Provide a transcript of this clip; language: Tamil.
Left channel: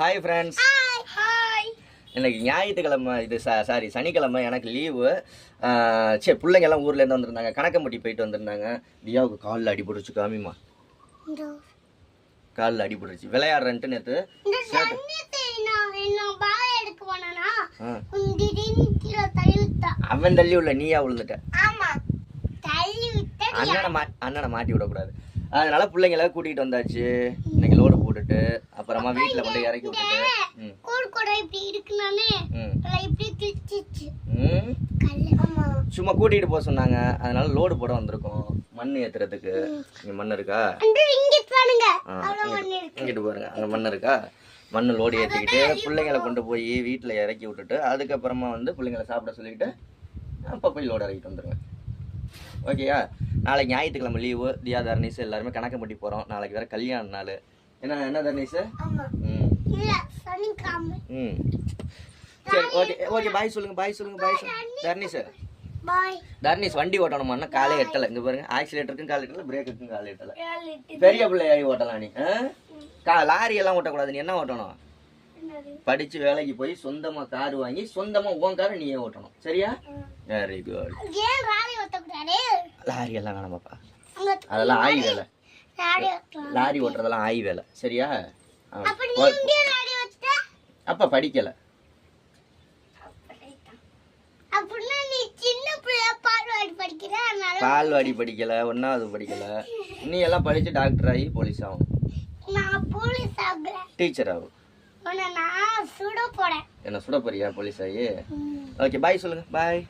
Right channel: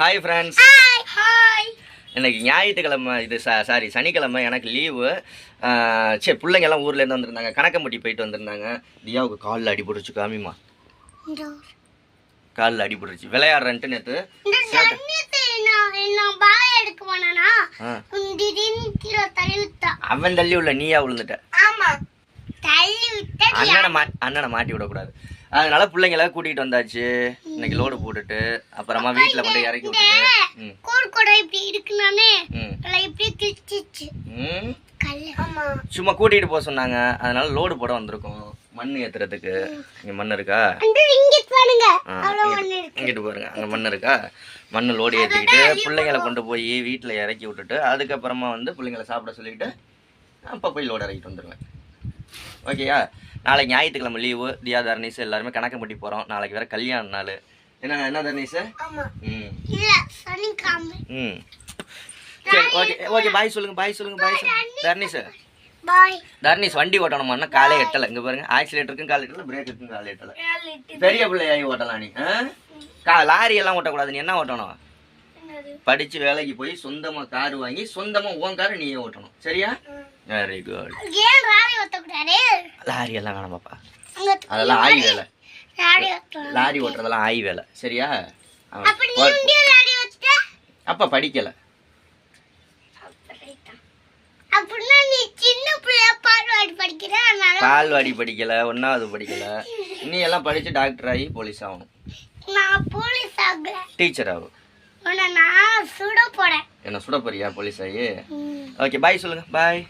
Hi friends. ஹாய். இன்னைக்கு ஞாயிற்றுக்கிழமை, இது சாரி சனிக்கிழமை. எனக்கு லீவு. சரி, பிள்ளைங்க எல்லாம் ஊர்லேருந்து வந்திருந்தாங்க. கணக்கம்பட்டி போயிட்டு வந்திருந்தாங்க. தியாவுக்கு காலில் அடிபட்டுருச்சு. காமிமா, காலில் அடிபட்டுருச்சு. விளையாடுறேன்ட்டு நேற்று அவன் தள்ளி உள்ள நீயா விழுந்துட்ட. அண்ணனை மாட்டி விடக்கூடாது. அதனால பிள்ளைங்கள கூட்டிகிட்டு வந்தாச்சு. இன்னைக்கு லோடு போட்டுட்டு அப்புறமா வீட்டில் கொண்டு இறக்கி விட்டுட்டு சும்மா கூட்டிகிட்டு போக சொன்னாங்க. அதனால லோடு போட வந்திருக்கோம். மண் ஏற்றுறதுக்கு. இங்கே மண் இருக்கா? இங்கிட்டு பாருங்க, அங்கே மண் இருக்கா? மண் லோடு ஏற்றிக்கிட்டு பிள்ளைங்களை கொண்டு போய் வீட்டில் இறக்கி விட்டுட்டு அதுக்கப்புறமா வந்து பிள்ளைங்களை சாப்பிட சொல்லிவிட்டு அப்போ போய் லோடு இறக்கிட்டு வந்துடுவேன். ஓகேயா? நாளைக்கு ஞாயிற்றுக்கிழமை லீவு. தியா, தர்னீஸ் எல்லாருமே கணக்கம்பட்டி போகிறோம். நாளைக்கு வேறு கல்யாண நாள். என்ன தர்னீஸ்? சரி, ஓகே ஓகே. பாய் சொல்லுங்க, பாய் சொல்லுங்க, பாய் சொல்லுங்க. தர்னீஸ் வண்டி ஓட்டணுமான்னா காலே எட்டலை. இங்கே பாருங்க, ஆக்சிலேட்டருக்கும் கால் எட்டலை, பிரேக்குக்கும் கால் எட்டலை. பெரிய பிள்ளையாகி ஓட்டலாம் நீ. லாரி எல்லாம் ஓட்டக்கூடாது. நீ என்ன ஓட்டணும்? படிச்சு வேலைக்கு போய் சொந்தமா கார் வாங்கி சொந்தமா உன் காரை நீயே ஓட்டணும். சரியா? Very good. லாரி எல்லாம் வேணாம் பாப்பா, அதெல்லாம் ஆய் வேலை. லாரி ஓட்டுறதெல்லாம் ஆய் வேலை. சரியா? அப்ப படிக்கல. பால்வாடி படிக்கல, 1வது படிக்கல. நீ எல்லாம் படிச்சு டாக்டர் ஆகி போலீஸ் ஆகும். டீச்சர் ஆகும். என்ன சுட போறியா போலீஸ் ஆகி? ஓகே, பாய் சொல்லுங்க. பாய்.